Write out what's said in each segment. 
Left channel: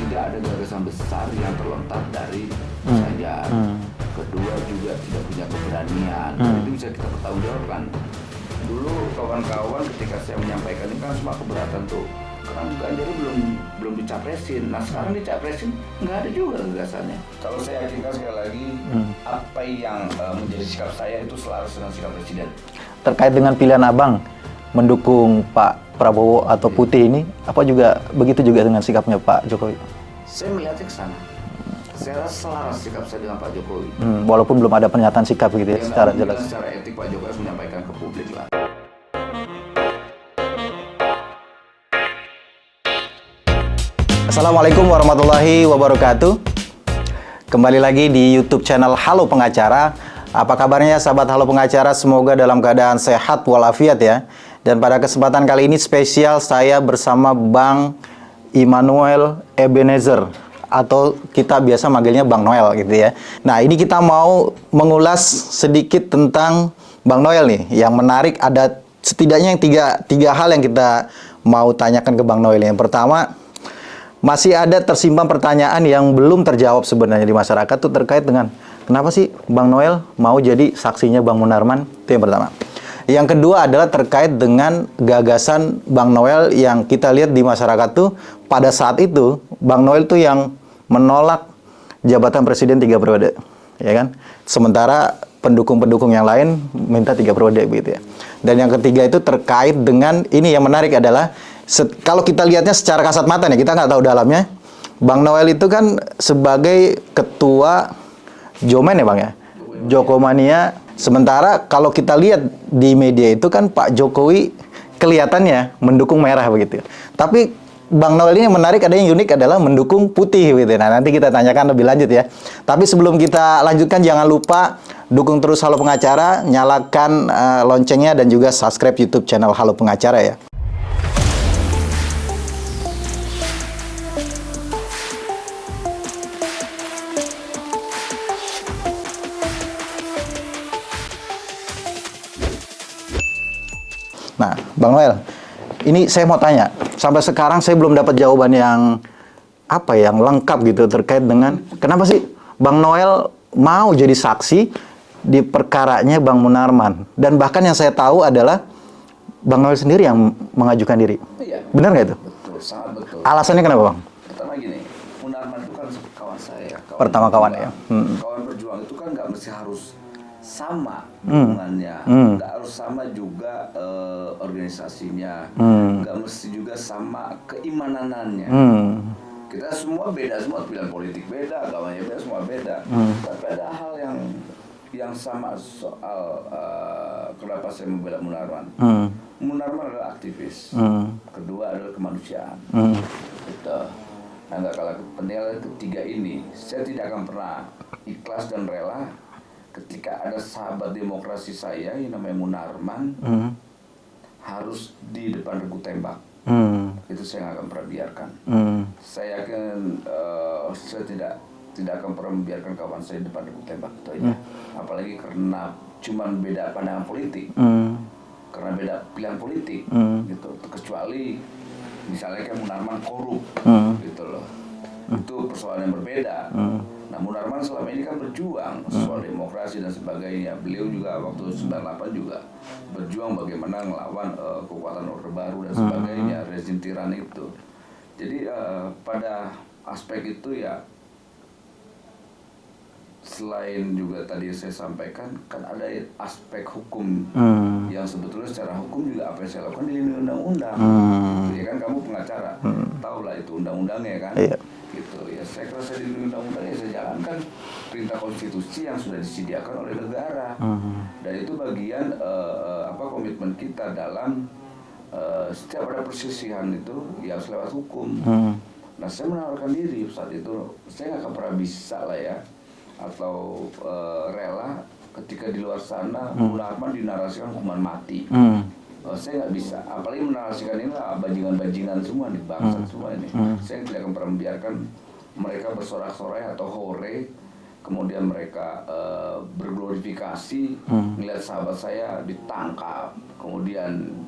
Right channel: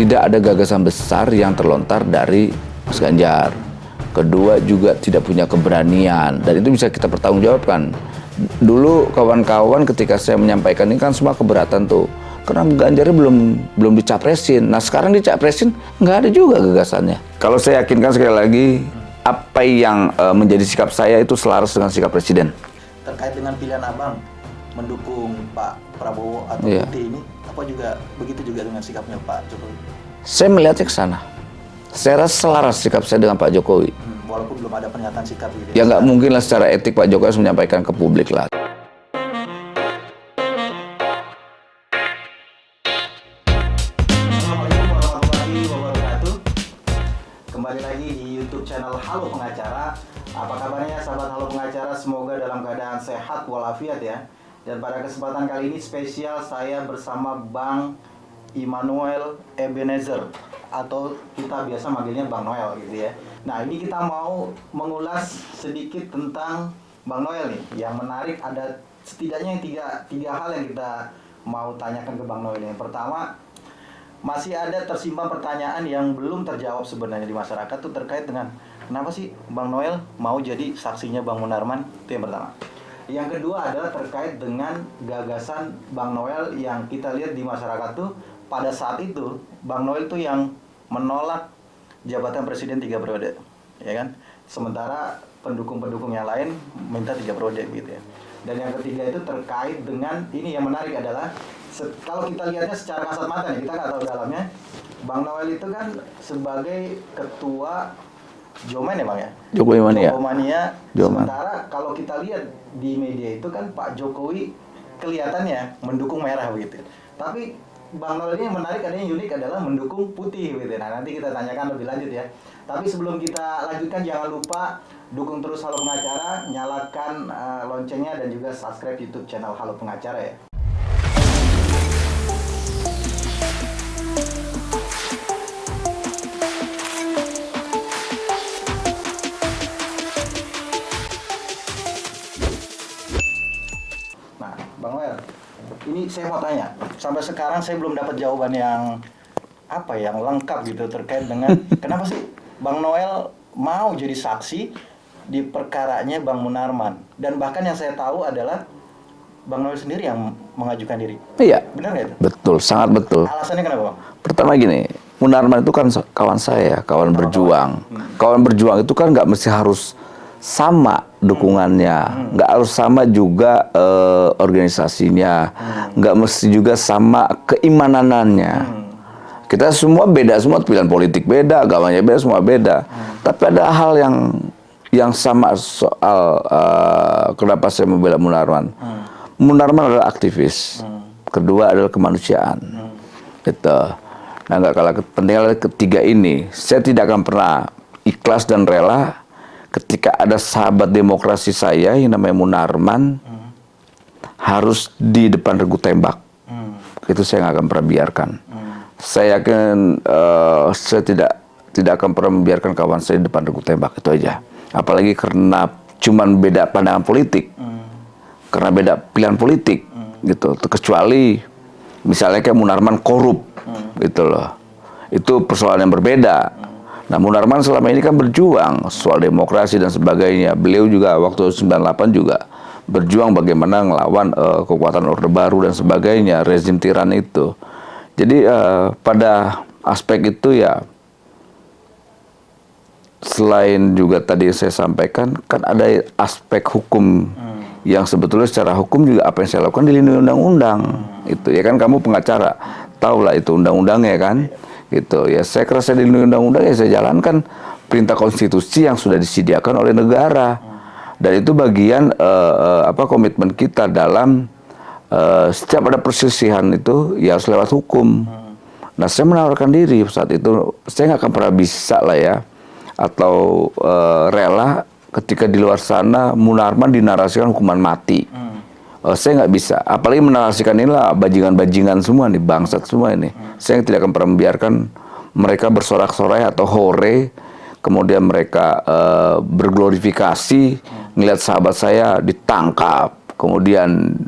tidak ada gagasan besar yang terlontar dari Mas Ganjar. Kedua juga tidak punya keberanian, dan itu bisa kita pertanggungjawabkan. Dulu kawan-kawan ketika saya menyampaikan ini kan semua keberatan tuh, karena Ganjarnya belum dicapresin. Nah sekarang dicapresin nggak ada juga gagasannya. Kalau saya yakinkan sekali lagi, apa yang menjadi sikap saya itu selaras dengan sikap Presiden. Terkait dengan pilihan Abang mendukung Pak Prabowo atau Putih ini, apa juga begitu juga dengan sikapnya Pak Jokowi? Saya melihatnya ke sana. Saya rasa selaras sikap saya dengan Pak Jokowi. Walaupun belum ada pernyataan sikap gitu Ya nggak mungkin lah secara etik Pak Jokowi harus menyampaikan ke publik lah. Assalamualaikum warahmatullahi wabarakatuh. Kembali lagi di YouTube channel Halo Pengacara. Apa kabarnya sahabat Halo Pengacara? Semoga dalam keadaan sehat walafiat ya. Dan pada kesempatan kali ini spesial saya bersama Bang Immanuel Ebenezer, atau kita biasa manggilnya Bang Noel gitu ya. Nah ini kita mau mengulas sedikit tentang Bang Noel nih. Yang menarik ada setidaknya yang tiga hal yang kita mau tanyakan ke Bang Noel. Yang pertama, masih ada tersimpan pertanyaan yang belum terjawab sebenarnya di masyarakat tuh terkait dengan kenapa sih Bang Noel mau jadi saksinya Bang Munarman? Itu yang pertama. Yang kedua adalah terkait dengan gagasan Bang Noel yang kita lihat di masyarakat tuh pada saat itu Bang Noel tuh yang menolak jabatan presiden 3 periode, ya kan? Sementara pendukung-pendukung yang lain minta 3 periode begitu ya. Dan yang ketiga itu terkait dengan ini yang menarik adalah kalau kita lihatnya secara kasat mata nih, kita nggak tahu dalamnya. Bang Noel itu kan sebagai ketua Jomen ya Bang ya? Jokomania. Sementara kalau kita lihat di media itu kan Pak Jokowi kelihatannya mendukung merah begitu. Tapi Bang Noel ini yang menarik, ada yang unik adalah mendukung putih gitu. Nah, nanti kita tanyakan lebih lanjut ya. Tapi sebelum kita lanjutkan, jangan lupa dukung terus Halo Pengacara, nyalakan loncengnya dan juga subscribe YouTube channel Halo Pengacara ya. Nah, Bang Noel, ini saya mau tanya, sampai sekarang saya belum dapat jawaban yang yang lengkap gitu terkait dengan kenapa sih Bang Noel mau jadi saksi di perkaranya Bang Munarman, dan bahkan yang saya tahu adalah Bang Noel sendiri yang mengajukan diri. Iya, benar nggak itu? Betul, sangat betul. Alasannya kenapa Bang? Pertama gini, Munarman itu kan kawan saya, kawan berjuang. Kawan berjuang itu kan nggak mesti harus sama dukungannya, nggak harus sama juga organisasinya, nggak mesti juga sama keimananannya. Kita semua beda, semua pilihan politik beda, agamanya beda, semua beda. Tapi ada hal yang sama soal kenapa saya membela Munarman. Munarman adalah aktivis, kedua adalah kemanusiaan. Gitu. Nah, nggak kalah penting adalah ketiga ini. Saya tidak akan pernah ikhlas dan rela ketika ada sahabat demokrasi saya yang namanya Munarman harus di depan regu tembak. Itu saya nggak akan pernah biarkan. Saya yakin saya tidak akan pernah membiarkan kawan saya di depan regu tembak, itu aja. Apalagi karena cuman beda pandangan politik, karena beda pilihan politik, gitu. Kecuali misalnya kayak Munarman korup, gitu loh. Itu persoalan yang berbeda. Nah, Munarman selama ini kan berjuang soal demokrasi dan sebagainya. Beliau juga waktu 98 juga berjuang bagaimana ngelawan kekuatan Orde Baru dan sebagainya, rezim tiran itu. Jadi pada aspek itu ya, selain juga tadi saya sampaikan, kan ada aspek hukum yang sebetulnya secara hukum juga apa yang saya lakukan dilindungi undang-undang. Gitu ya kan, kamu pengacara, tahulah itu undang-undangnya kan. Gitu ya, saya kira saya dilindungi undang-undang, ya saya jalankan perintah konstitusi yang sudah disediakan oleh negara. Dan itu bagian komitmen kita dalam setiap ada perselisihan itu ya harus lewat hukum. Nah, saya menawarkan diri saat itu, saya nggak akan pernah bisa lah ya, atau rela ketika di luar sana Munarman dinarasikan hukuman mati. Saya nggak bisa, apalagi menarasikan inilah bajingan-bajingan semua nih, bangsat semua ini. Saya tidak akan pernah membiarkan mereka bersorak-sorai atau hore, kemudian mereka berglorifikasi, ngelihat sahabat saya ditangkap, kemudian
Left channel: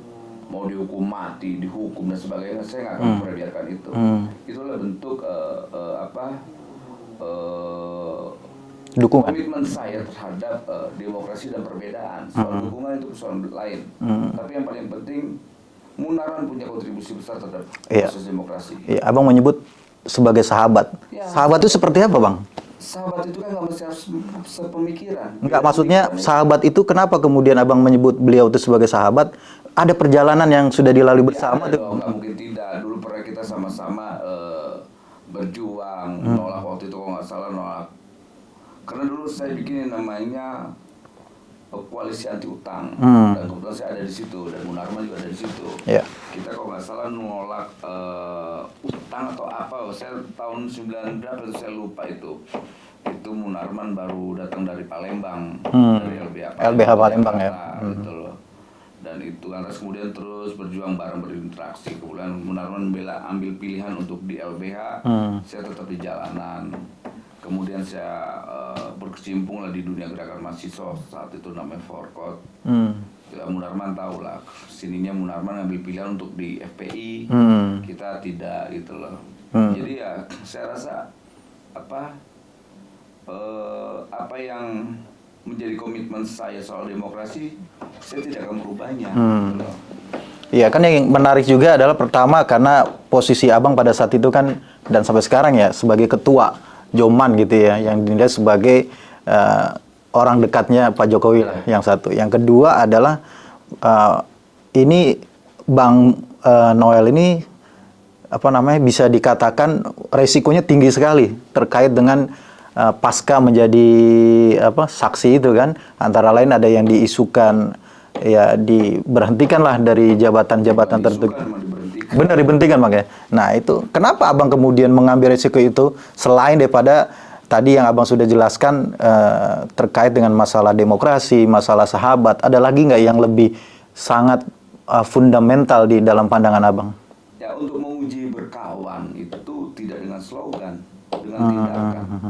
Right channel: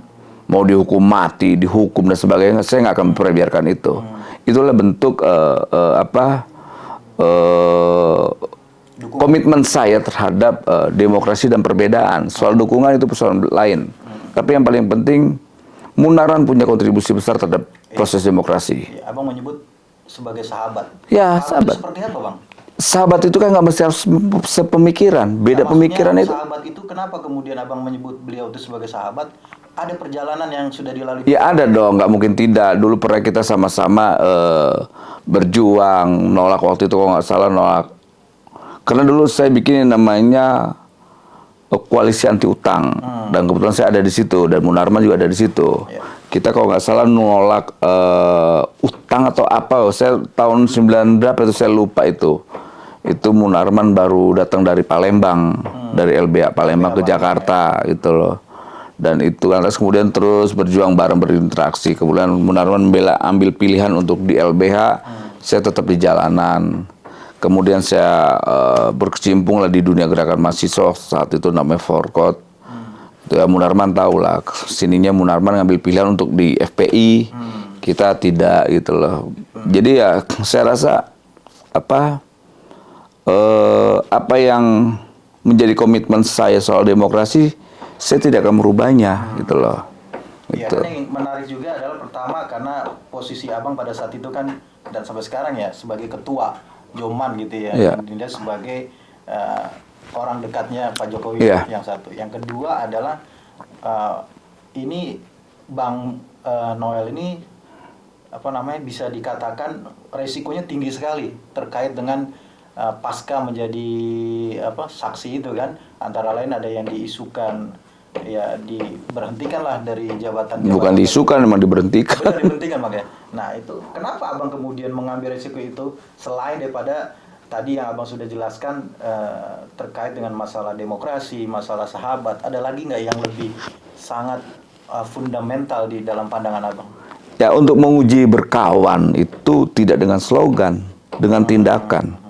mau dihukum mati, dihukum dan sebagainya, saya nggak akan memperbiarkan itu. Itulah bentuk komitmen saya terhadap demokrasi dan perbedaan. Soal dukungan itu persoalan lain. Tapi yang paling penting, Munarman punya kontribusi besar terhadap proses demokrasi. Iya, Abang menyebut sebagai sahabat. Ya, sahabat itu seperti apa, Bang? Sahabat itu kan nggak mesti harus sepemikiran. Beda Nah, pemikiran itu. Sahabat itu kenapa kemudian Abang menyebut beliau itu sebagai sahabat? Ada perjalanan yang sudah dilalui Ya ada dong, nggak mungkin tidak. Dulu pernah kita sama-sama berjuang, nolak waktu itu kalau nggak salah nolak. Karena dulu saya bikin yang namanya koalisi anti utang, dan kebetulan saya ada di situ, dan Munarman juga ada di situ. Ya. Kita kalau nggak salah nolak utang atau apa, saya tahun 9 berapa itu saya lupa itu. Itu Munarman baru datang dari Palembang, dari LBH Palembang ke Jakarta, gitu loh. Dan itu lantas kemudian terus berjuang bareng berinteraksi. Kemudian Munarman ambil pilihan untuk di LBH, saya tetap di jalanan. Kemudian saya berkecimpung lah di dunia gerakan mahasiswa saat itu namanya Forkot. Ya, Munarman tahu lah, sininya Munarman ngambil pilihan untuk di FPI, kita tidak gitu loh. Jadi ya saya rasa apa yang menjadi komitmen saya soal demokrasi, saya tidak akan merubahnya, gitu loh. Iya, kan yang menarik juga adalah pertama karena posisi Abang pada saat itu kan, dan sampai sekarang ya, sebagai ketua Joman gitu ya, yang dinilai sebagai orang dekatnya Pak Jokowi yang satu. Yang kedua adalah ini Bang Noel ini bisa dikatakan resikonya tinggi sekali terkait dengan pasca menjadi saksi itu kan, antara lain ada yang diisukan ya diberhentikan lah dari jabatan-jabatan. Bukan diisukan, memang diberhentikan. Benar, dibentikan makanya. Nah itu, kenapa Abang kemudian mengambil risiko itu selain daripada tadi yang Abang sudah jelaskan terkait dengan masalah demokrasi, masalah sahabat, ada lagi nggak yang lebih sangat fundamental di dalam pandangan Abang? Ya, untuk menguji berkawan itu tidak dengan slogan, dengan tindakan.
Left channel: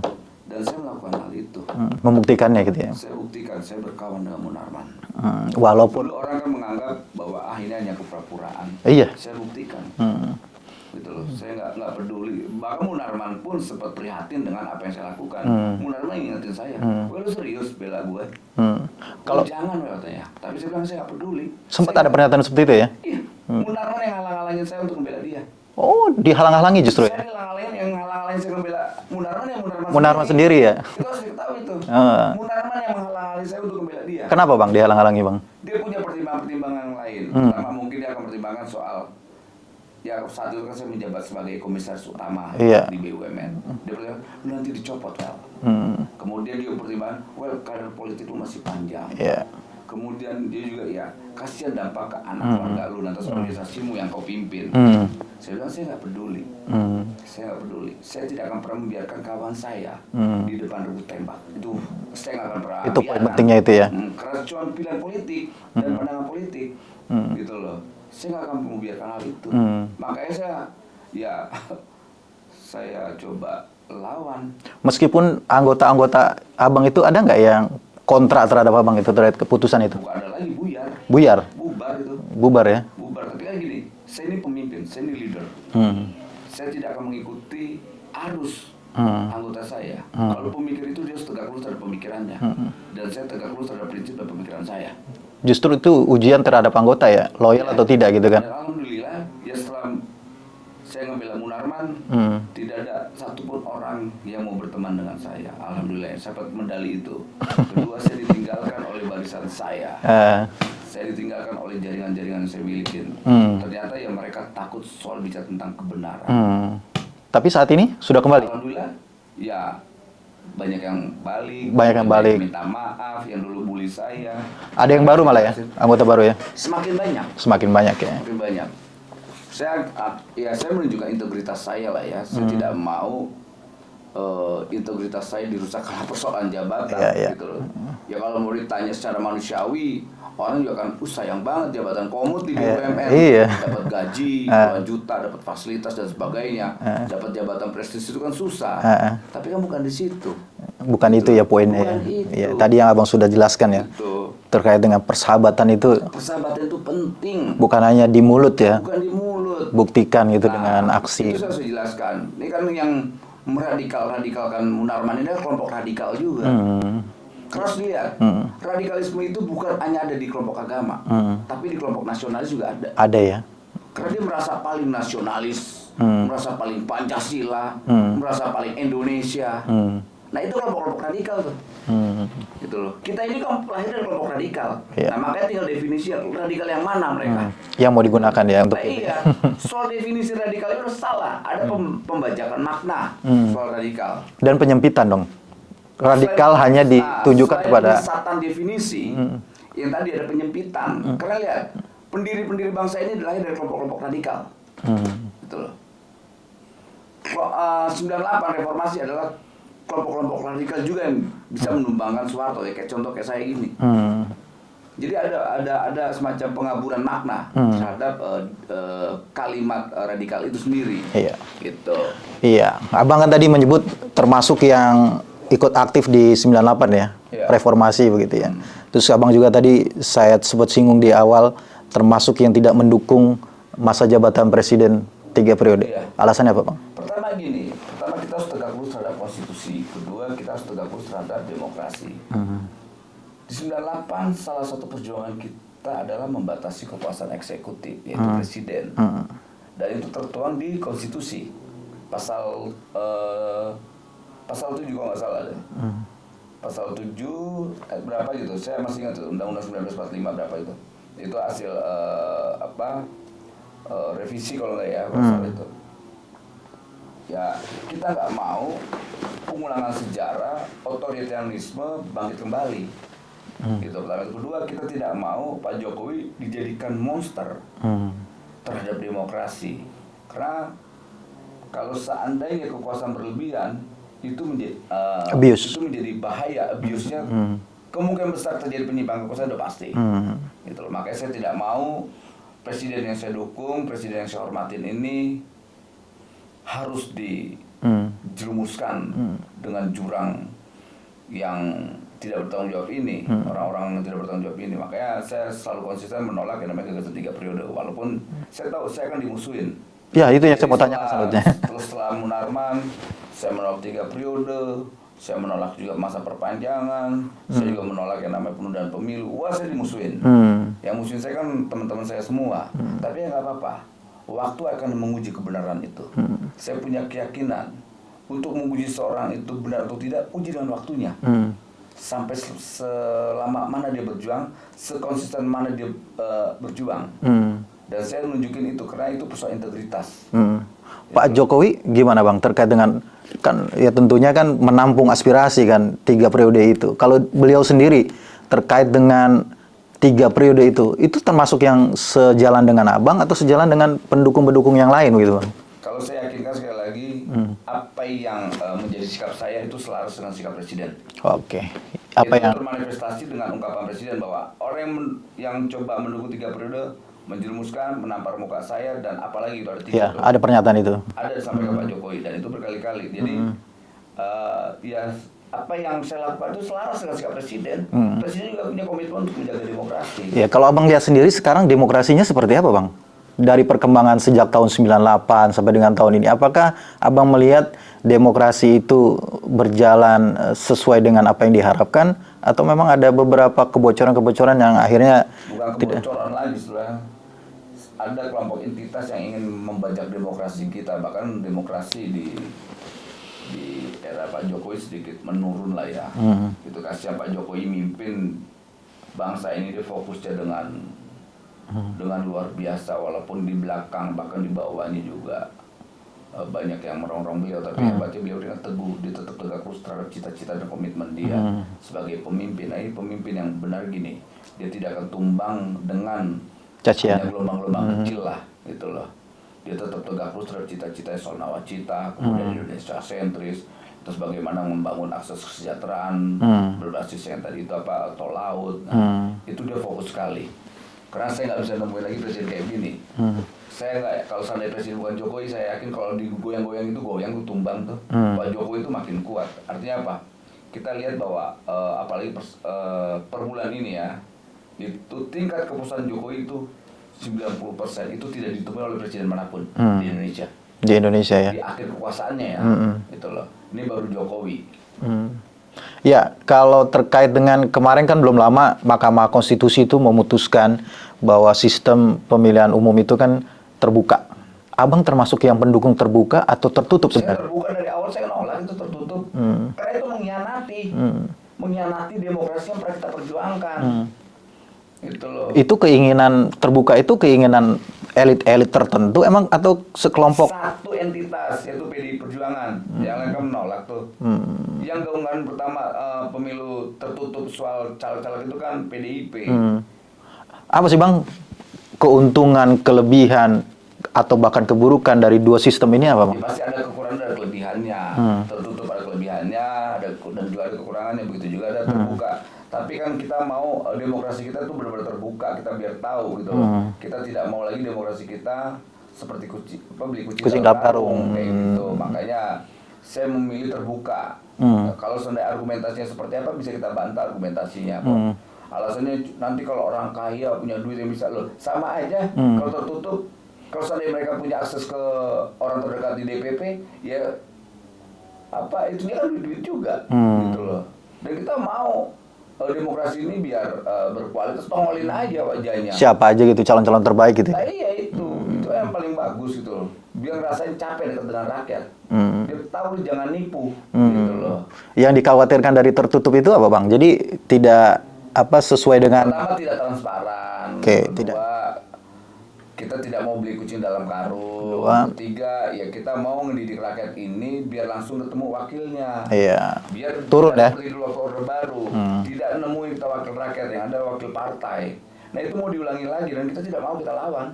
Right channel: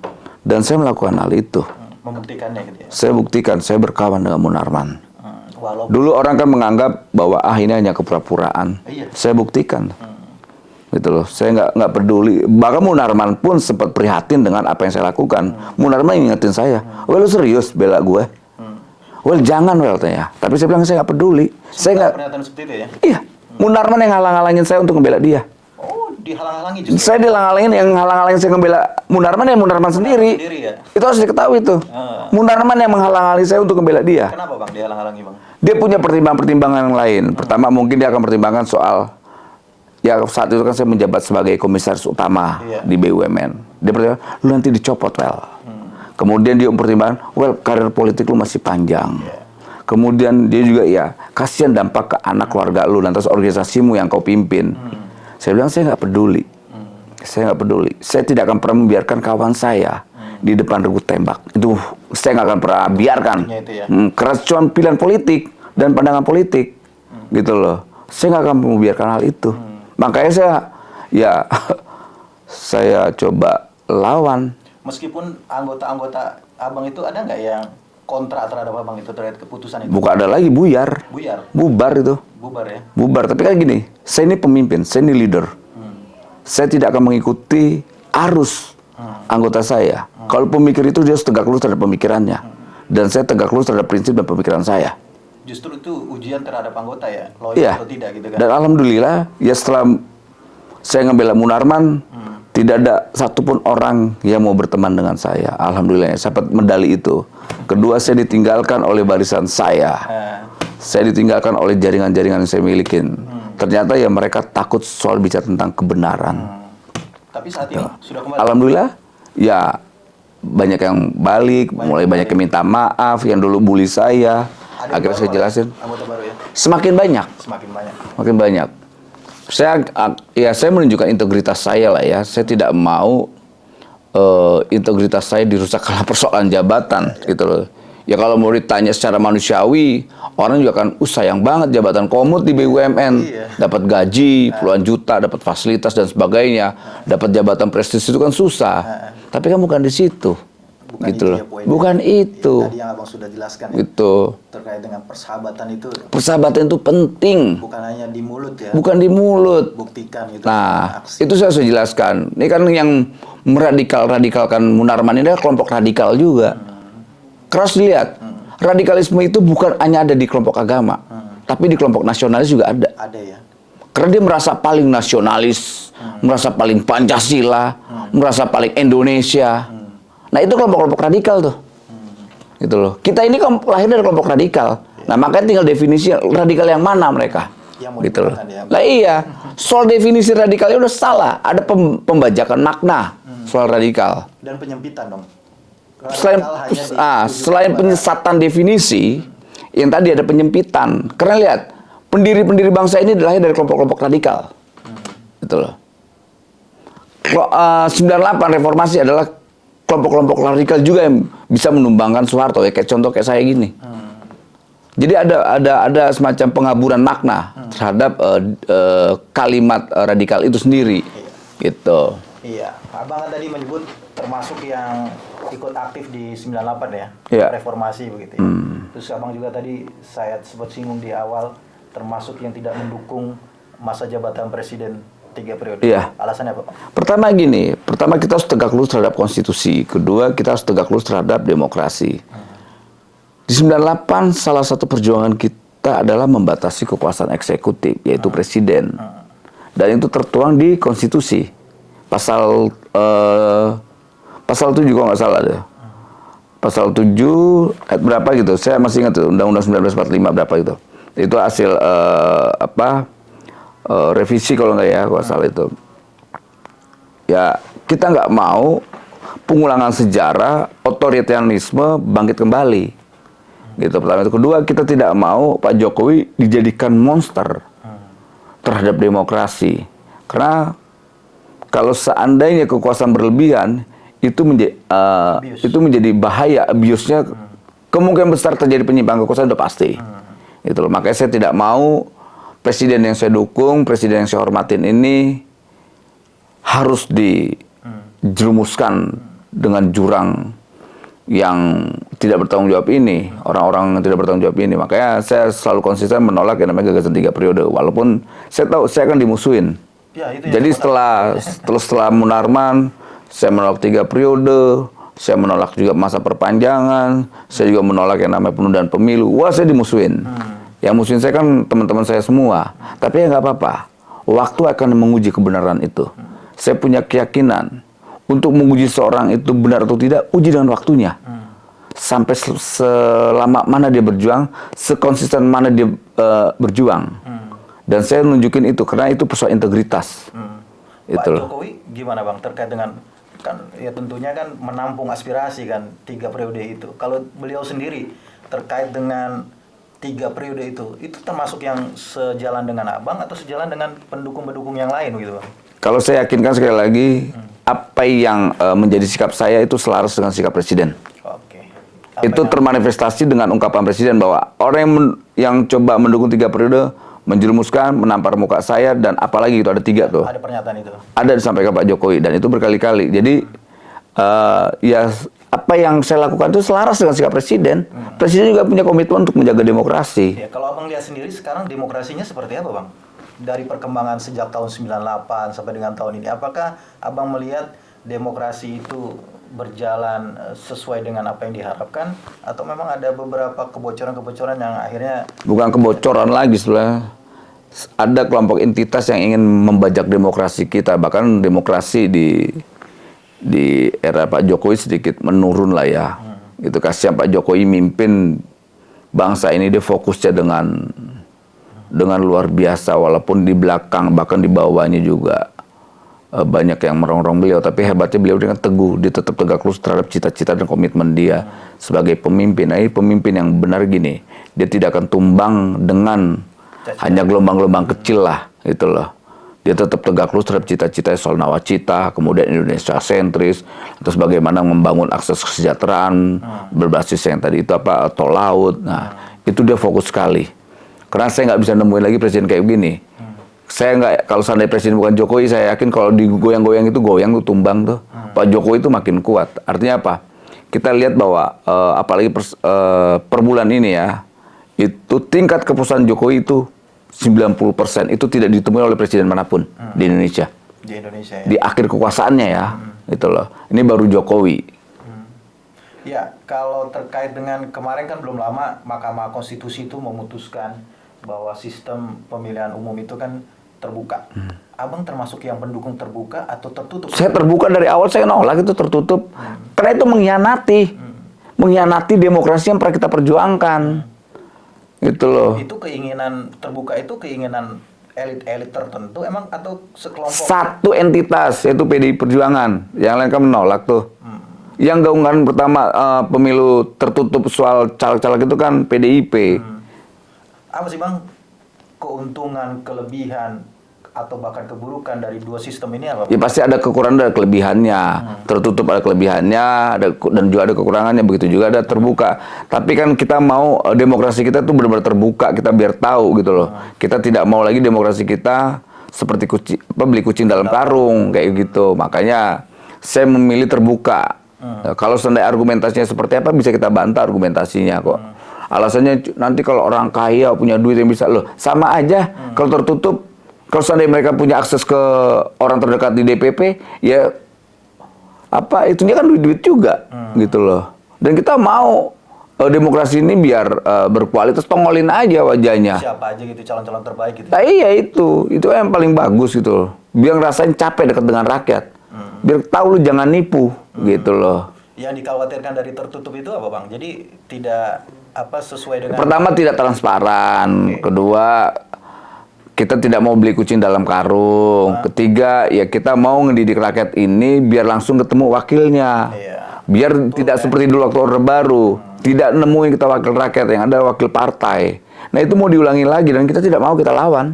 Dan saya melakukan hal itu. Membuktikannya gitu ya? Saya buktikan, saya berkawan dengan Munarman. Walaupun dulu orang kan menganggap bahwa ini hanya kepura-puraan. Iya. Saya buktikan. Gitu loh. Saya nggak peduli. Bahkan Munarman pun sempat prihatin dengan apa yang saya lakukan. Munarman ingetin saya, "Well, lu serius bela gue?" "Well, jangan, well," tanya. Tapi saya bilang saya nggak peduli. Sempat ada pernyataan seperti itu ya? Iya. Munarman yang halang-halangin saya untuk membela dia. Oh, dihalang-halangi justru? Saya dihalang-halangin, yang halang-halangin saya membela Munarman ya Munarman sendiri ya? Itu harus diketahui tuh. Munarman yang menghalang-halangi saya untuk membela dia. Kenapa Bang dihalang-halangi Bang? Dia punya pertimbangan-pertimbangan yang lain. Pertama mungkin dia akan pertimbangkan soal, ya saat itu kan saya menjabat sebagai komisaris utama di BUMN. Dia pertimbangkan, lu nanti dicopot, well. Kemudian dia mempertimbangkan, well, karir politik lu masih panjang. Kemudian dia juga, ya kasihan dampak ke anak keluarga lu, lantas organisasimu yang kau pimpin. Saya bilang saya nggak peduli. Saya nggak peduli. Saya tidak akan pernah membiarkan kawan saya di depan regu tembak. Itu saya nggak akan pernah biarkan. Itu ya? Karena cuma pilihan politik dan pandangan politik, gitu loh. Saya nggak akan membiarkan hal itu. Makanya saya coba lawan. Meskipun anggota-anggota Abang itu ada nggak yang kontra terhadap Abang itu, terhadap keputusan itu? Bukan ada lagi, buyar. Bubar itu. Bubar ya? Bubar. Tapi kan gini, saya ini pemimpin, saya ini leader. Saya tidak akan mengikuti arus anggota saya. Kalau pemikir itu dia harus tegak lurus terhadap pemikirannya. Dan saya tegak lurus terhadap prinsip dan pemikiran saya. Justru itu ujian terhadap anggota ya? Loyal atau tidak gitu kan? Dan alhamdulillah, ya setelah saya ngebela Munarman, tidak ada satupun orang yang mau berteman dengan saya. Alhamdulillah, saya dapat medali itu. Kedua, saya ditinggalkan oleh barisan saya. Saya ditinggalkan oleh jaringan-jaringan yang saya milikin. Ternyata ya mereka takut soal bicara tentang kebenaran. Tapi saat ini sudah kembali? Alhamdulillah, ya banyak yang balik, mulai banyak yang minta maaf, yang dulu bully saya. Ada yang baru malah ya? Anggota baru ya? Semakin banyak. Semakin banyak ya? Semakin banyak. Saya menunjukkan integritas saya lah ya. Saya tidak mau integritas saya dirusak karena persoalan jabatan gitu loh. Ya kalau mau ditanya secara manusiawi, orang juga kan sayang banget jabatan komut di BUMN, dapat gaji puluhan juta, dapat fasilitas dan sebagainya, dapat jabatan prestisius itu kan susah. Tapi kan bukan di situ. Bukan gitu itu loh. ya poinnya. Bukan itu. Ya, tadi yang Abang sudah jelaskan ya. Itu. Terkait dengan persahabatan itu Persahabatan itu penting. bukan hanya di mulut ya. Bukan di mulut. Buktikan gitu dengan Nah, aksi. itu saya sudah jelaskan. Ini kan yang meradikal-radikalkan Munarman ini adalah kelompok radikal juga. Karena harus dilihat, radikalisme itu bukan hanya ada di kelompok agama, tapi di kelompok nasionalis juga ada. Ada ya. Karena dia merasa paling nasionalis, merasa paling Pancasila, merasa paling Indonesia. Nah, itu kelompok-kelompok radikal tuh. Gitu loh. Kita ini lahir dari kelompok radikal. Nah, makanya tinggal definisi radikal yang mana mereka. Yang mau digunakan ya. Lah iya, soal definisi radikalnya udah salah. Ada pembajakan makna soal radikal. Dan penyempitan dong. Radikal hanya ditujukan selain kepada penyesatan definisi, yang tadi ada penyempitan. Karena lihat, pendiri-pendiri bangsa ini lahir dari kelompok-kelompok radikal. Gitu loh. 98 reformasi adalah kelompok-kelompok radikal juga yang bisa menumbangkan Soeharto ya, kayak contoh kayak saya gini. Jadi ada semacam pengaburan makna terhadap kalimat radikal itu sendiri. Iya. Gitu. Iya, Abang kan tadi menyebut termasuk yang ikut aktif di 98 ya, Iya. reformasi begitu ya. Terus Abang juga tadi saya sempat singgung di awal termasuk yang tidak mendukung masa jabatan presiden 3 periode. Iya. Alasannya apa, Bang? Pertama gini, pertama kita harus tegak lurus terhadap konstitusi. Kedua, kita harus tegak lurus terhadap demokrasi. Di 98 salah satu perjuangan kita adalah membatasi kekuasaan eksekutif, yaitu presiden. Dan itu tertuang di konstitusi. Pasal 7 kalau nggak salah ada. Pasal 7 ayat berapa gitu. Saya masih ingat tuh, Undang-Undang 1945 berapa gitu. Itu hasil revisi kalau nggak ya, kalau salah itu. Ya, kita nggak mau pengulangan sejarah, otoritarianisme bangkit kembali. Gitu pertama. Itu kedua, kita tidak mau Pak Jokowi dijadikan monster terhadap demokrasi. Karena kalau seandainya kekuasaan berlebihan itu menjadi bahaya, abuse-nya kemungkinan besar terjadi penyimpangan kekuasaan udah pasti. Itu loh. Makanya saya tidak mau presiden yang saya dukung, presiden yang saya hormatin ini harus dijerumuskan dengan jurang yang tidak bertanggung jawab ini, orang-orang yang tidak bertanggung jawab ini. Makanya saya selalu konsisten menolak yang namanya gagasan 3 periode, walaupun saya tahu saya akan dimusuhin. Ya, itu yang Jadi saya setelah Munarman, saya menolak 3 periode, saya menolak juga masa perpanjangan, saya juga menolak yang namanya penundaan pemilu. Wah, saya dimusuhin. Yang musuhin saya kan teman-teman saya semua. Tapi ya nggak apa-apa. Waktu akan menguji kebenaran itu. Saya punya keyakinan untuk menguji seorang itu benar atau tidak, uji dengan waktunya. Sampai selama mana dia berjuang, sekonsisten mana dia berjuang. Dan saya nunjukin itu karena itu persoalan integritas. Pak Jokowi gimana, Bang, terkait dengan kan ya tentunya kan menampung aspirasi kan 3 periode itu. Kalau beliau sendiri terkait dengan 3 periode itu termasuk yang sejalan dengan Abang atau sejalan dengan pendukung-pendukung yang lain gitu, Bang? Kalau saya yakinkan sekali lagi apa yang menjadi sikap saya itu selaras dengan sikap presiden. Oke. Itu termanifestasi dengan ungkapan presiden bahwa orang yang coba mendukung 3 periode menjerumuskan, menampar muka saya, dan apalagi itu ada 3 tuh. Ada pernyataan itu. Ada disampaikan Pak Jokowi, dan itu berkali-kali. Jadi, ya apa yang saya lakukan itu selaras dengan sikap presiden. Presiden juga punya komitmen untuk menjaga demokrasi. Ya, kalau Abang lihat sendiri sekarang demokrasinya seperti apa, Bang? Dari perkembangan sejak tahun 98 sampai dengan tahun ini, apakah Abang melihat demokrasi itu berjalan sesuai dengan apa yang diharapkan, atau memang ada beberapa kebocoran-kebocoran yang akhirnya... Bukan kebocoran lagi sebenarnya. Ada kelompok entitas yang ingin membajak demokrasi kita. Bahkan demokrasi di era Pak Jokowi sedikit menurun lah ya. Itu kasihan Pak Jokowi mimpin bangsa ini, dia fokusnya dengan luar biasa. Walaupun di belakang, bahkan di bawahnya juga banyak yang merongrong beliau, tapi hebatnya beliau dengan teguh, dia tetap tegak lurus terhadap cita-cita dan komitmen dia sebagai pemimpin. Nah, ini pemimpin yang benar gini, dia tidak akan tumbang dengan hanya gelombang-gelombang kecil lah, gitu loh. Dia tetap tegak lurus terhadap cita-cita soal nawacita, kemudian Indonesia sentris, terus bagaimana membangun akses kesejahteraan berbasis yang tadi itu apa, tol laut. Nah, itu dia fokus sekali. Karena saya nggak bisa nemuin lagi presiden kayak begini. Saya nggak, kalau seandainya presiden bukan Jokowi, saya yakin kalau digoyang-goyang itu goyang tuh tumbang tuh. Pak Jokowi itu makin kuat. Artinya apa? kita lihat bahwa apalagi per bulan ini ya, itu tingkat kepuasan Jokowi itu 90% itu tidak ditemui oleh presiden manapun di Indonesia. Di Indonesia ya. Di akhir kekuasaannya ya, gitu loh. Ini baru Jokowi. Ya, kalau terkait dengan kemarin kan belum lama Mahkamah Konstitusi itu memutuskan bahwa sistem pemilihan umum itu kan terbuka. Abang termasuk yang pendukung terbuka atau tertutup? Saya terbuka dari awal, saya nolak itu tertutup. Karena itu mengkhianati demokrasi yang pernah kita perjuangkan. Gitu loh. Itu keinginan terbuka itu keinginan elit-elit tertentu emang atau sekelompok? Satu entitas, yaitu PDI Perjuangan. Yang lain kan menolak tuh. Yang gaungan pertama pemilu tertutup soal caleg-caleg itu kan PDIP. Apa sih Bang keuntungan, kelebihan, atau bahkan keburukan dari dua sistem ini apa Bang? Ya pasti ada kekurangan dan kelebihannya. Tertutup ada kelebihannya, dan juga ada kekurangannya. Begitu juga ada terbuka. Tapi kan kita mau demokrasi kita tuh benar-benar terbuka, kita biar tahu gitu loh. Kita tidak mau lagi demokrasi kita seperti beli kucing dalam karung kayak gitu. Makanya saya memilih terbuka. Nah, kalau seandainya argumentasinya seperti apa bisa kita bantah argumentasinya kok. Alasannya nanti kalau orang kaya punya duit yang bisa loh, sama aja kalau tertutup. Kalau seandainya mereka punya akses ke orang terdekat di DPP, ya apa itunya kan duit-duit juga, gitu loh. Dan kita mau demokrasi ini biar berkualitas, tongolin aja wajahnya. Siapa aja gitu calon-calon terbaik gitu. Nah, iya itu yang paling bagus gitu loh. Biar ngerasain capek dekat dengan rakyat. Biar tahu lu jangan nipu, gitu loh. Yang dikhawatirkan dari tertutup itu apa Bang? Jadi tidak sesuai dengan. Pertama tidak transparan, kedua kita tidak mau beli kucing dalam karung. Ketiga, ya kita mau ngedidik rakyat ini biar langsung ketemu wakilnya. Iya. Biar tidak seperti dulu waktu Orde Baru. Tidak nemuin kita wakil rakyat, yang ada wakil partai. Nah itu mau diulangi lagi dan kita tidak mau kita lawan.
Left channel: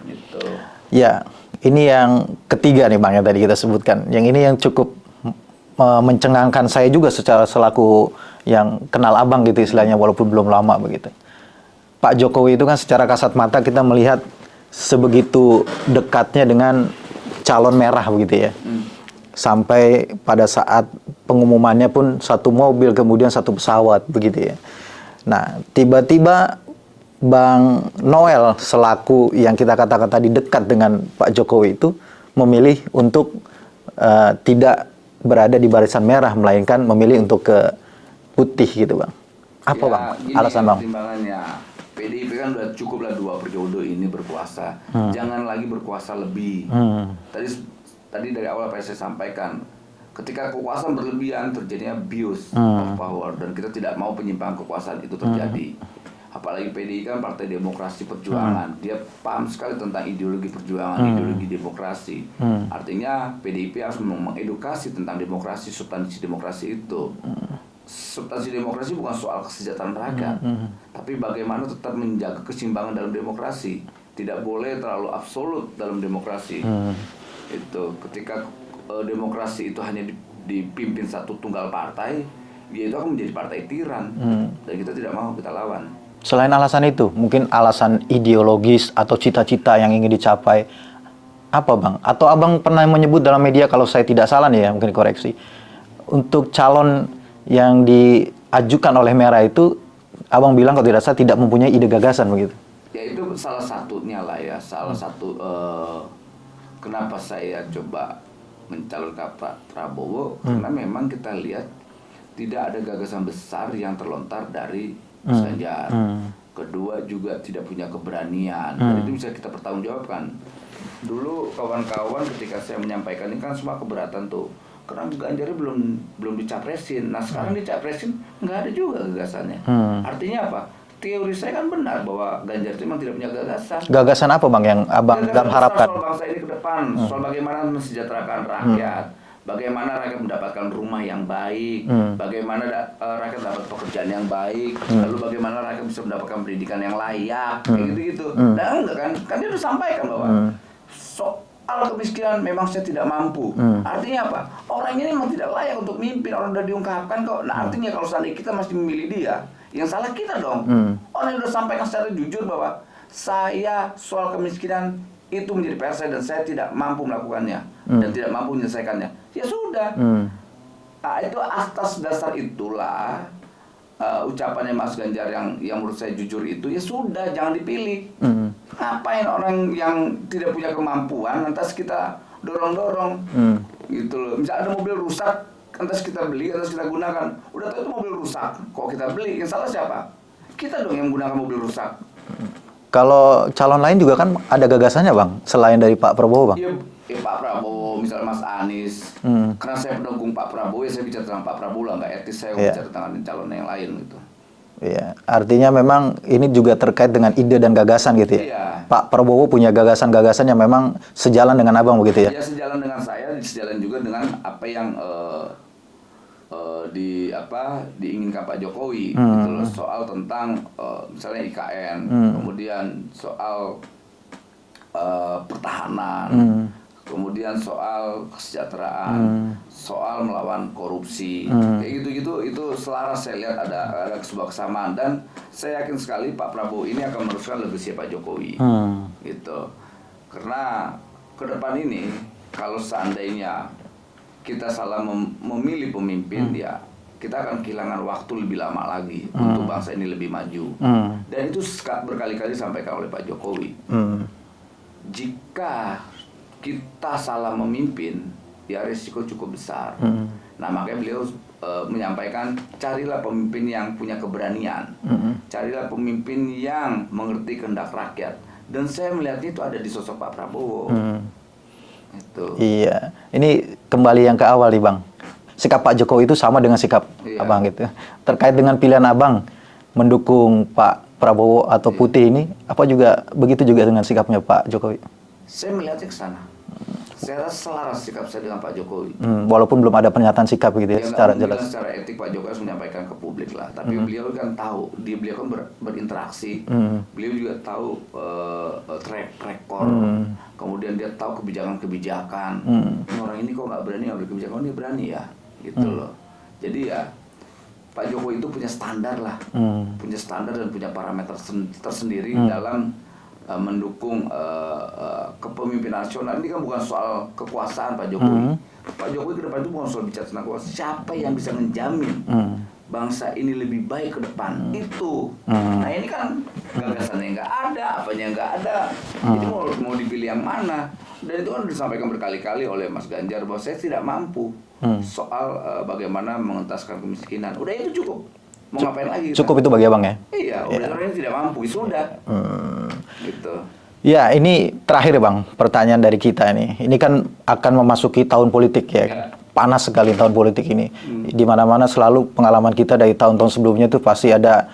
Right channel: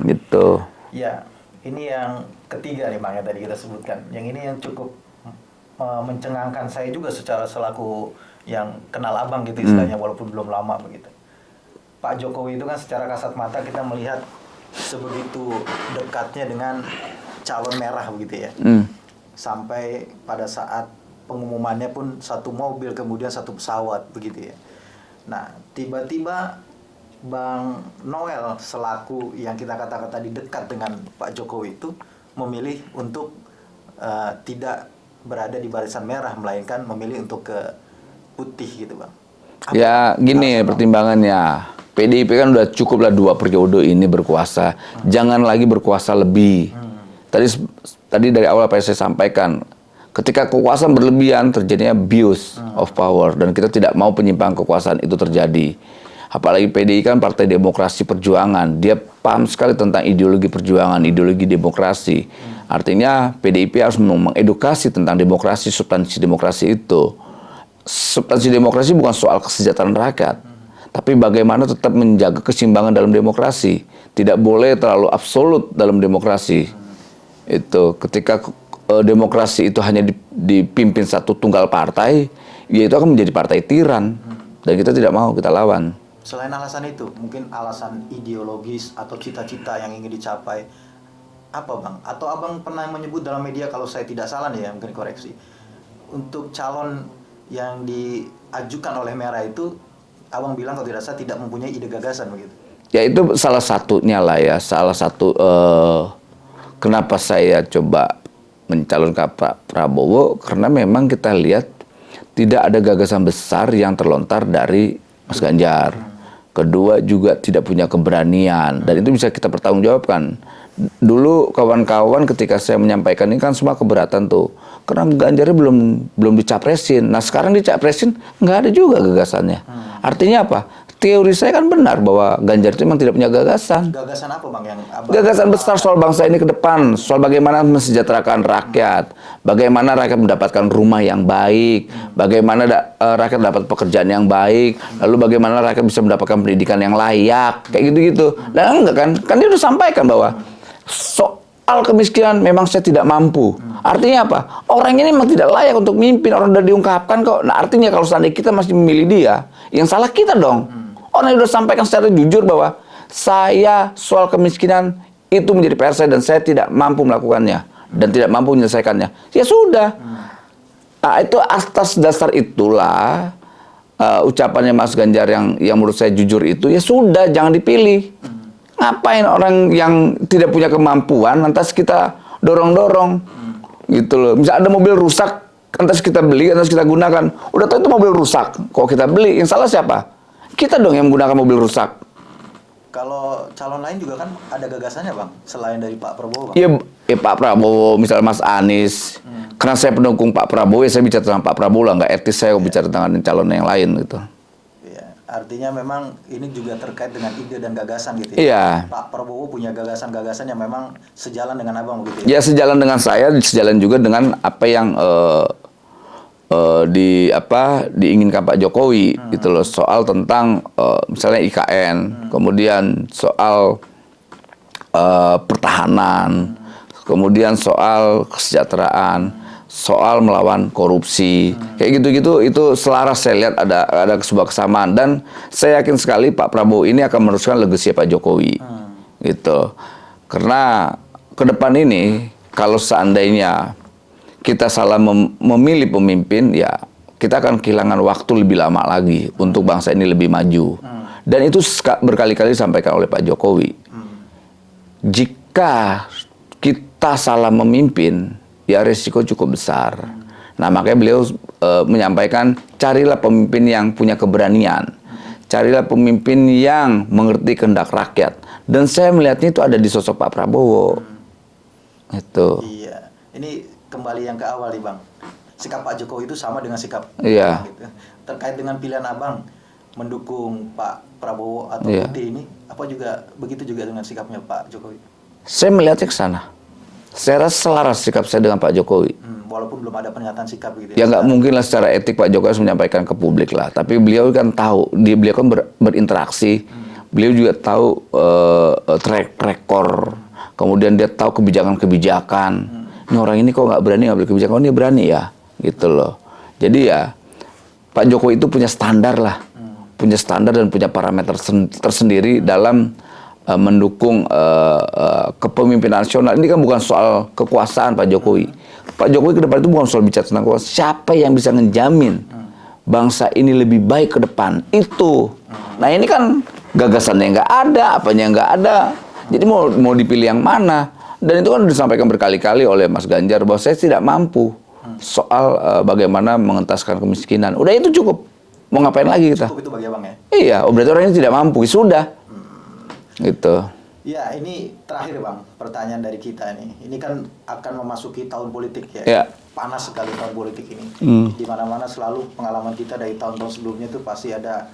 Gitu. Ya, ini yang ketiga nih Bang yang tadi kita sebutkan. Yang ini yang cukup mencengangkan saya juga secara selaku yang kenal Abang gitu istilahnya walaupun belum lama begitu. Pak Jokowi itu kan secara kasat mata kita melihat sebegitu dekatnya dengan calon merah begitu ya. Sampai pada saat pengumumannya pun satu mobil kemudian satu pesawat begitu ya. Nah, tiba-tiba Bang Noel selaku yang kita katakan tadi dekat dengan Pak Jokowi itu memilih untuk tidak berada di barisan merah melainkan memilih untuk ke putih gitu Bang. Apa ya Bang? gini ya pertimbangannya. PDIP kan udah cukuplah 2 periode ini berkuasa. Jangan lagi berkuasa lebih. Tadi dari awal apa yang saya sampaikan, ketika kekuasaan berlebihan terjadinya abuse of power dan kita tidak mau penyimpangan kekuasaan itu terjadi. Apalagi PDI kan Partai Demokrasi Perjuangan, dia paham sekali tentang ideologi perjuangan, ideologi demokrasi. Artinya PDIP harus mengedukasi tentang demokrasi, substansi demokrasi itu. Substansi demokrasi bukan soal kesejahteraan rakyat, tapi bagaimana tetap menjaga keseimbangan dalam demokrasi. Tidak boleh terlalu absolut dalam demokrasi. Itu ketika demokrasi itu hanya dipimpin satu tunggal partai, ya itu akan menjadi partai tiran. Dan kita tidak mau, kita lawan. Selain alasan itu, mungkin alasan ideologis atau cita-cita yang ingin dicapai, apa Bang? Atau Abang pernah menyebut dalam media, kalau saya tidak salah nih ya, mungkin koreksi, untuk calon yang diajukan oleh Merah itu, Abang bilang kalau tidak salah tidak mempunyai ide gagasan begitu. Ya itu salah satunya lah ya, salah satu kenapa saya coba mencalonkan Pak Prabowo, karena memang kita lihat tidak ada gagasan besar yang terlontar dari Mas Ganjar. Kedua juga tidak punya keberanian, dan itu bisa kita pertanggungjawabkan. Dulu kawan-kawan ketika saya menyampaikan ini kan semua keberatan tuh. Karena Ganjarnya belum dicapresin. Nah sekarang dicapresin nggak ada juga gagasannya. Artinya apa? Teori saya kan benar bahwa Ganjar itu memang tidak punya gagasan. Gagasan apa Bang yang Abang Gagasan besar harapkan? soal bangsa ini ke depan, soal bagaimana mensejahterakan rakyat, bagaimana rakyat mendapatkan rumah yang baik, bagaimana rakyat dapat pekerjaan yang baik, lalu bagaimana rakyat bisa mendapatkan pendidikan yang layak, kayak gitu-gitu. Dan enggak kan dia udah sampaikan bahwa soal kemiskinan memang saya tidak mampu. Artinya apa? Orang ini memang tidak layak untuk mimpin. Orang udah diungkapkan kok. Nah artinya kalau seandainya kita masih memilih dia, yang salah kita dong. Orang yang udah sampaikan secara jujur bahwa saya soal kemiskinan itu menjadi PR saya dan saya tidak mampu melakukannya dan tidak mampu menyelesaikannya. Ya sudah. Nah, itu atas dasar itulah ucapannya Mas Ganjar yang menurut saya jujur itu, ya sudah, jangan dipilih. Ngapain orang yang tidak punya kemampuan lantas kita dorong-dorong, gitu loh. Misalnya ada mobil rusak, lantas kita beli, lantas kita gunakan. Udah tahu itu mobil rusak, kok kita beli? Yang salah siapa? Kita dong yang menggunakan mobil rusak. Kalau calon lain juga kan ada gagasannya Bang, selain dari Pak Prabowo Bang. Iya, Pak Prabowo, misalnya Mas Anies. Karena saya pendukung Pak Prabowo, ya saya bicara tentang Pak Prabowo lah, nggak etis saya bicara tentang calon yang lain gitu. Iya, artinya memang ini juga terkait dengan ide dan gagasan gitu ya. Iya. Pak Prabowo punya gagasan-gagasan yang memang sejalan dengan Abang begitu ya. Ya sejalan dengan saya, sejalan juga dengan apa yang diinginkan Pak Jokowi gitu loh, soal tentang misalnya IKN, kemudian soal pertahanan, kemudian soal kesejahteraan, soal melawan korupsi, kayak gitu-gitu, itu selaras saya lihat ada sebuah kesamaan, dan saya yakin sekali Pak Prabowo ini akan meneruskan legacy Pak Jokowi, gitu. Karena ke depan ini kalau seandainya kita salah memilih pemimpin, ya kita akan kehilangan waktu lebih lama lagi untuk bangsa ini lebih maju. Dan itu berkali-kali disampaikan oleh Pak Jokowi. Jika kita salah memimpin, ya resiko cukup besar. Nah, makanya beliau menyampaikan, carilah pemimpin yang punya keberanian. Carilah pemimpin yang mengerti kehendak rakyat. Dan saya melihatnya itu ada di sosok Pak Prabowo. Itu. Iya. Ini kembali yang ke awal nih Bang. Sikap Pak Jokowi itu sama dengan sikap Abang gitu. Terkait dengan pilihan Abang mendukung Pak Prabowo atau Putih ini, apa juga begitu juga dengan sikapnya Pak Jokowi? Saya melihatnya ke sana. Saya rasa selaras sikap saya dengan Pak Jokowi. Walaupun belum ada pernyataan sikap gitu ya. Ya nggak mungkin lah secara etik Pak Jokowi harus menyampaikan ke publik lah. Tapi beliau kan tahu, beliau kan berinteraksi. Beliau juga tahu track record. Kemudian dia tahu kebijakan-kebijakan. Ini orang ini kok nggak berani ngambil kebijakan, oh ini berani ya, gitu loh. Jadi ya Pak Jokowi itu punya standar lah, punya standar dan punya parameter tersendiri dalam mendukung kepemimpinan nasional. Ini kan bukan soal kekuasaan Pak Jokowi. Pak Jokowi ke depan itu bukan soal bicara tentang kekuasaan. Siapa yang bisa menjamin bangsa ini lebih baik ke depan? Itu. Nah ini kan gagasannya nggak ada, apanya nggak ada. Jadi mau dipilih yang mana? Dan itu kan disampaikan berkali-kali oleh Mas Ganjar bahwa saya tidak mampu soal bagaimana mengentaskan kemiskinan. Udah itu cukup. Mau ngapain lagi kita? Cukup itu bagi Abang ya? Iya, berarti orang ini tidak mampu. Sudah. Gitu. Ya, ini terakhir Bang, pertanyaan dari kita nih. Ini kan akan memasuki tahun politik ya. Ya. Panas sekali tahun politik ini. Di mana-mana selalu pengalaman kita dari tahun-tahun sebelumnya itu pasti ada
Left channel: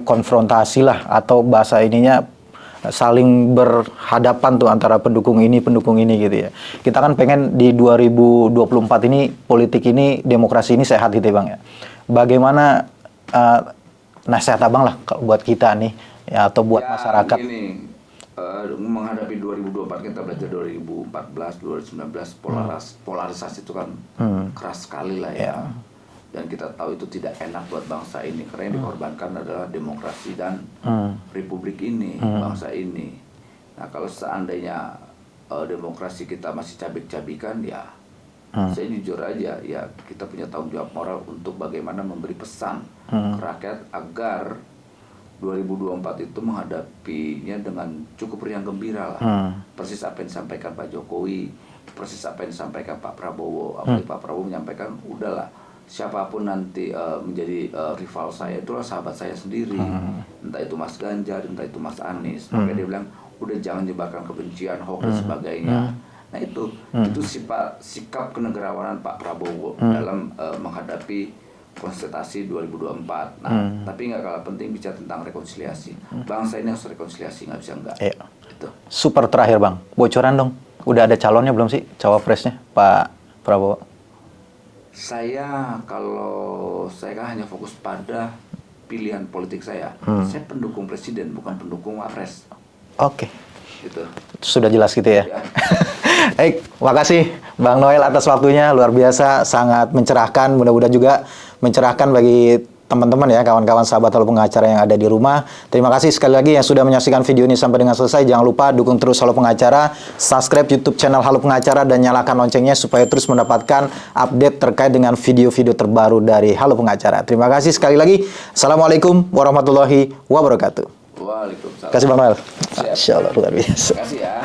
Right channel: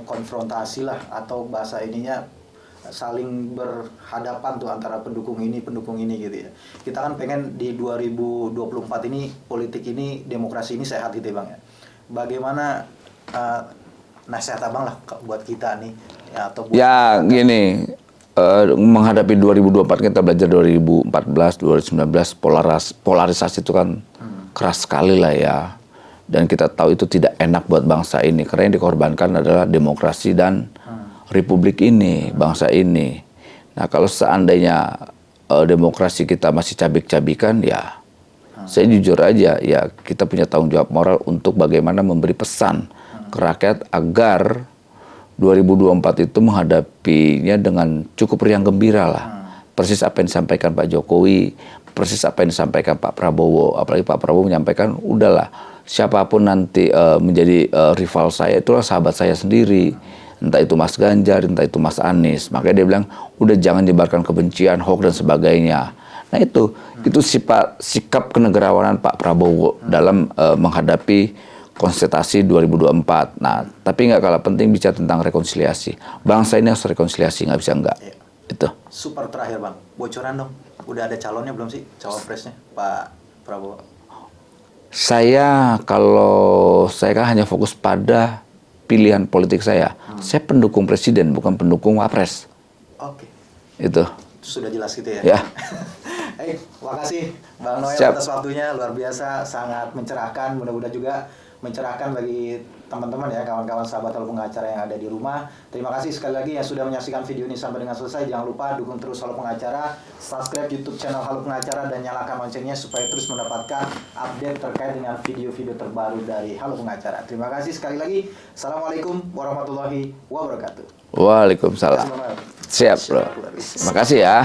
konfrontasi lah, atau bahasa ininya saling berhadapan tuh antara pendukung ini gitu ya. Kita kan pengen di 2024 ini politik ini, demokrasi ini sehat gitu ya Bang ya. Bagaimana nasihat Abang lah buat kita nih? Ya, atau buat masyarakat. Gini, menghadapi 2024 kita belajar 2014, 2019 polarisasi itu kan keras sekali lah ya, dan kita tahu itu tidak enak buat bangsa ini karena yang dikorbankan adalah demokrasi dan republik ini, bangsa ini. Nah kalau seandainya demokrasi kita masih cabik-cabikan, ya saya jujur aja ya, kita punya tanggung jawab moral untuk bagaimana memberi pesan ke rakyat agar 2024 itu menghadapinya dengan cukup riang gembira lah. Persis apa yang disampaikan Pak Jokowi, persis apa yang disampaikan Pak Prabowo. Apalagi Pak Prabowo menyampaikan, udahlah, siapapun nanti menjadi rival saya, itulah sahabat saya sendiri. Entah itu Mas Ganjar, entah itu Mas Anies. Makanya dia bilang, udah jangan nyebarkan kebencian, hoax dan sebagainya. Nah itu sikap kenegarawanan Pak Prabowo dalam menghadapi konsultasi 2024. Nah, tapi nggak kalah penting bicara tentang rekonsiliasi. Bangsa ini harus rekonsiliasi, nggak bisa nggak. Iya. Itu. Super terakhir Bang, bocoran dong. Udah ada calonnya belum sih, cawapresnya Pak Prabowo? Saya kan hanya fokus pada pilihan politik saya. Saya pendukung presiden, bukan pendukung wapres. Oke. Itu. Sudah jelas gitu ya? Ya. Baik, makasih Bang Noel atas waktunya, luar biasa, sangat mencerahkan, mudah-mudahan juga mencerahkan bagi teman-teman ya, kawan-kawan sahabat Halo Pengacara yang ada di rumah. Terima kasih sekali lagi yang sudah menyaksikan video ini sampai dengan selesai. Jangan lupa dukung terus Halo Pengacara, subscribe YouTube channel Halo Pengacara, dan nyalakan loncengnya supaya terus mendapatkan update terkait dengan video-video terbaru dari Halo Pengacara. Terima kasih sekali lagi. Assalamualaikum warahmatullahi wabarakatuh. Waalaikumsalam. Terima kasih Bang Noel. Siap. Masya Allah, luar biasa. Terima kasih ya.